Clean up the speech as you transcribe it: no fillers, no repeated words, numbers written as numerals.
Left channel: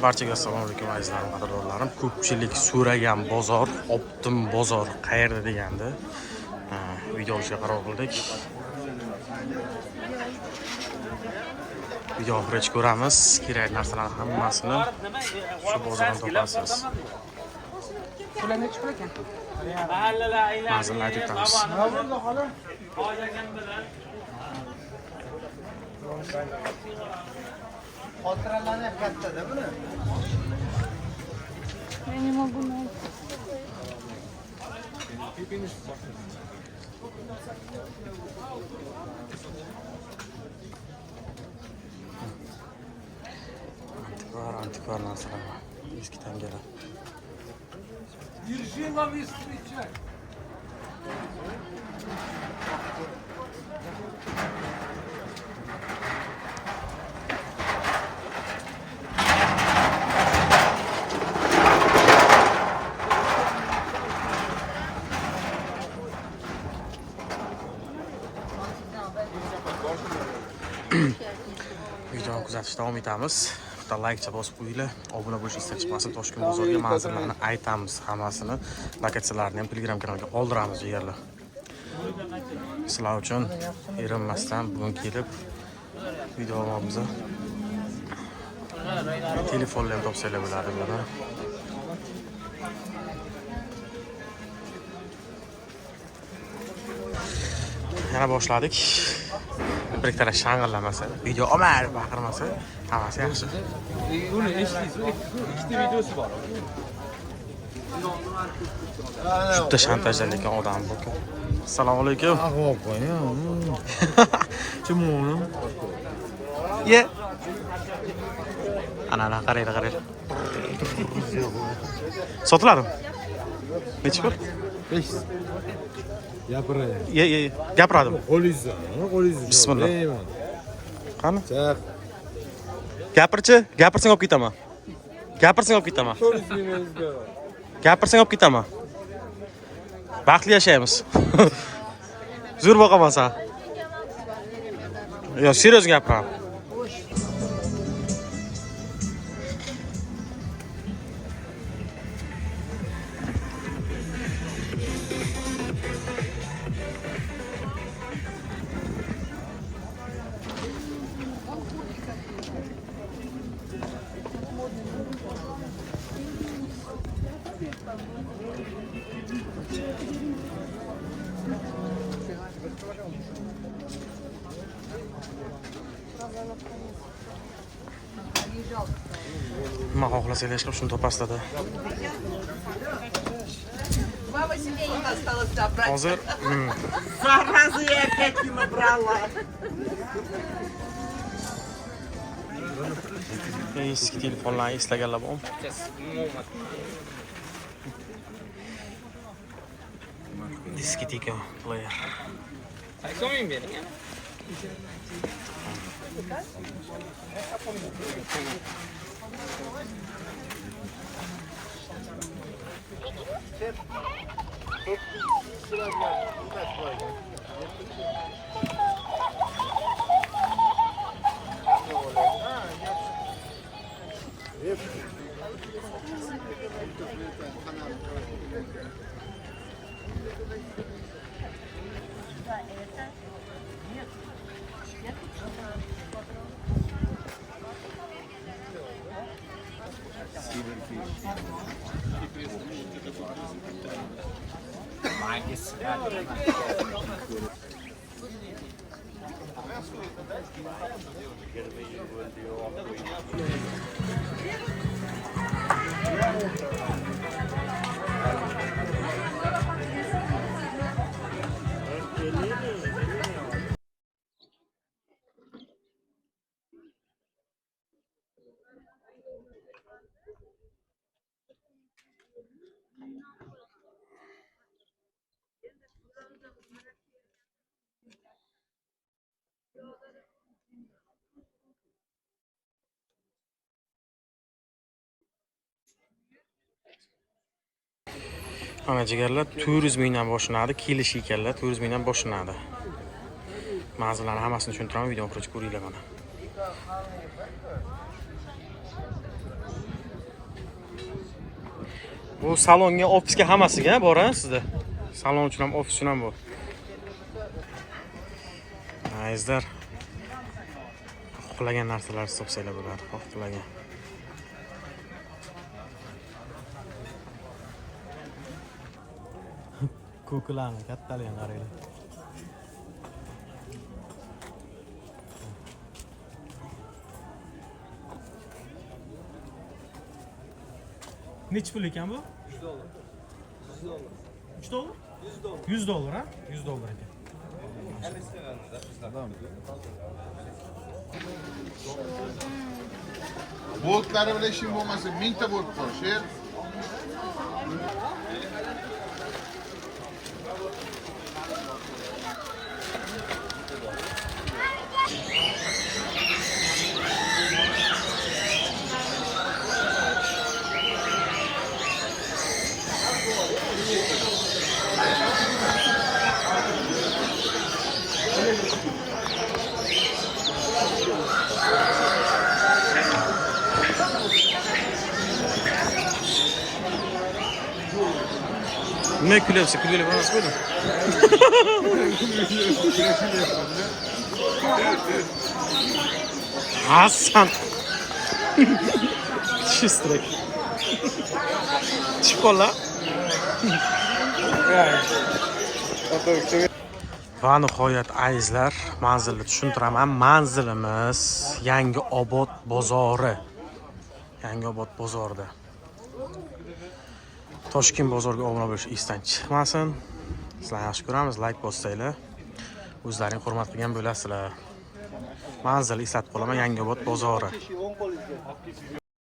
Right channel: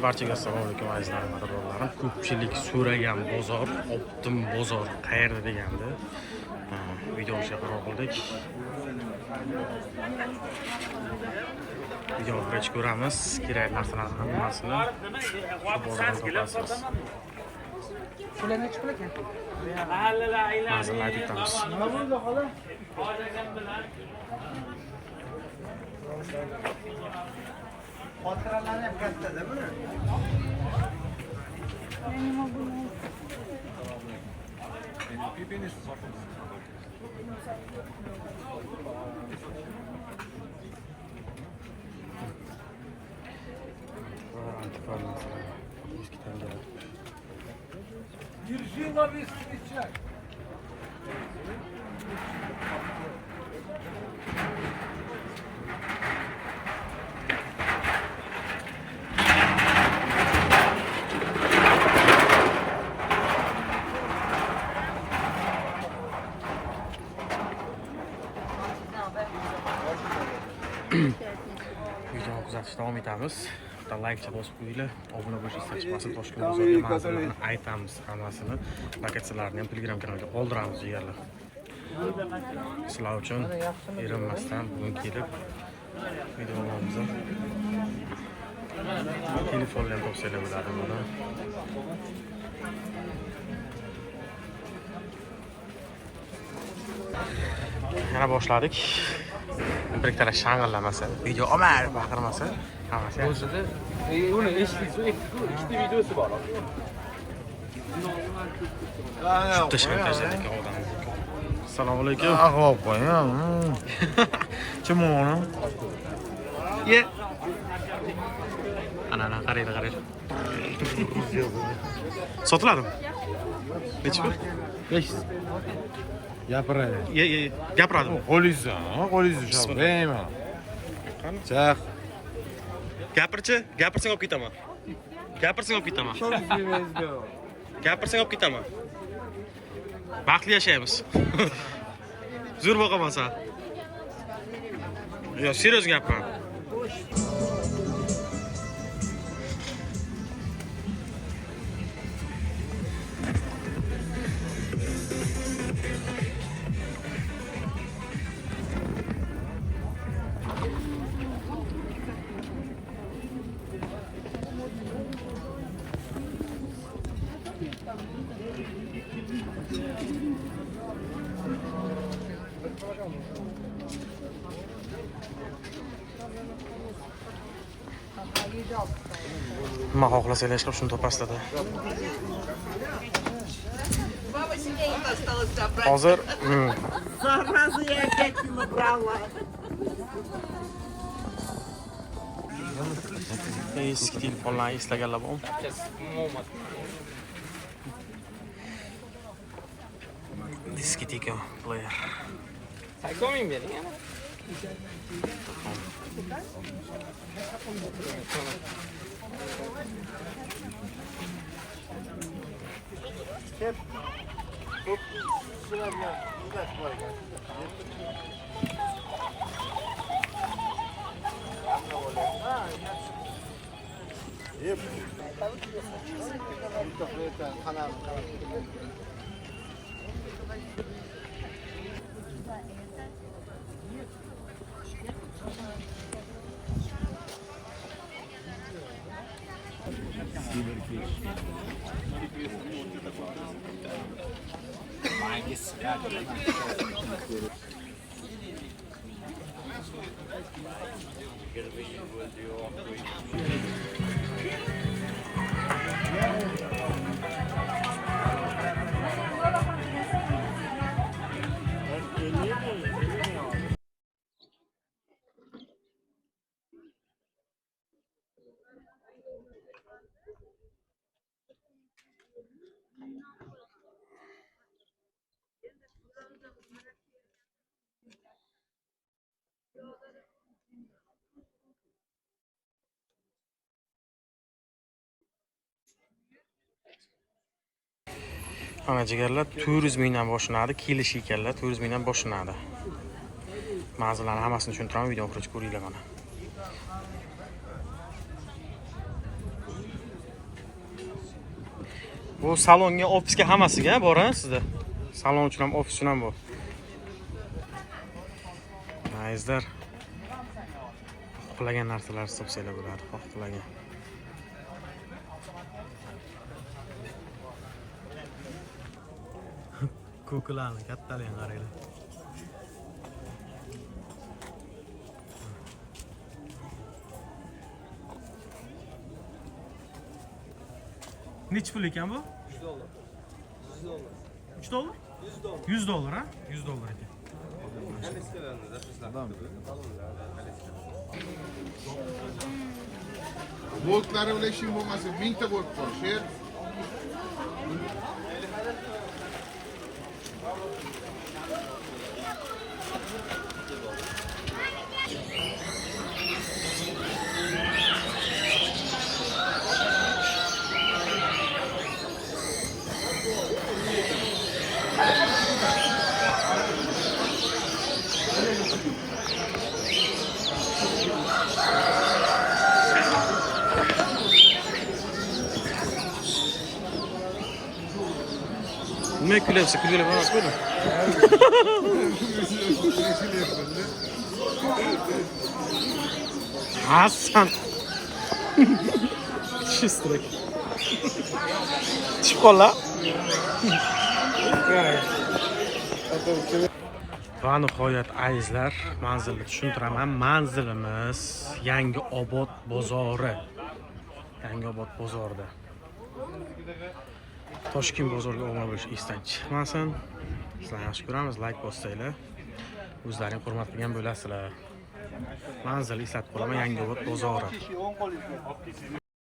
Barchaga assalomu alaykum azizlarim, qadrdonlarim. Ko'pchilik so'ragan bozor, Optim bozor qayerda deganda video olishga qaror qildik. Video oxirigacha ko'ramiz. Kerak narsalarning hammasini shu bozordan topasiz. Manzilni aytib o'tamiz. Xotiralarni ham kattada buni. Antikvar narsalar bor. Eski tangalar. Держи новый встречай. Videoni kuzatishda davom etamiz. Like bosib qo'yinglar, obuna bo'lishni istab chiqmasin. Toshkent bozoriga manzillarni aytamiz, hammasini, lokatsiyalarni ham Telegram kanaliga qoldiramiz yerlar. Sizlar uchun erinmasdan bugun kelib videolarimizni telefonlar ham topsanglar bo'ladi buni. Yana boshladik. Bir ikkala shang'illamasa, video omar baqirmasa, hammasi yaxshi. Uni eshitdingiz, ikkita videosi bor. Juda shantajlaydigan odam bu. Assalomu alaykum. Ag'ob qo'yam. Kim uni? Ye. Ana qaraylar. Sotiladimi? Necha pul? 500. Gapiray. Ye. Gapiradimi? Qo'lingizni. Bismillah. Qani? Chaq. Gapirsang olib ketaman. Gapirsang olib ketaman. Baxtli yashaymiz. Zo'r boqaman sen. Yo, serios gapiraman. Nima xohlasanglar chiqib shuni topasizlar. Hozir Сразу я опять не набрала. eski telefonlarni eslaganlar bormi? Disketeka player. So'ming bering yana. Ana jigarlar 400 mingdan boshlanadi, kelish ekanlar 400 mingdan boshlanadi. Manzillarni hammasini tushuntiraman, video oxirigacha ko'ringlar mana. Bu salonga, ofisga hammasiga bor-a sizda? Salon uchun ham, ofis uchun ham bu. Azizlar. Xohlagan narsalar hisobsanglar bo'ladi, xohlagan. Ko'klarni kattaligini qaranglar. Necha pul ekan bu? $100. $3 $100 ha? $100 ekan. Boltları bile işin olmasın. 1000 ta bolt var. Şey. Nima kulyapsiz? Kulgili emas bo'ldimi? Hasan. Shistrak. Chiqola. Va nihoyat azizlar, manzilni tushuntiraman. Manzilimiz Yangiobod bozori. Yangiobod bozorida. Toshkent bozoriga obuna bo'lish esdan chiqmasin. Sizlarni yaxshi ko'ramiz, like bossanglar. O'zlaring hurmat qilgan bo'lasizlar. Manzil eslatib qolaman, Yangiobod bozori.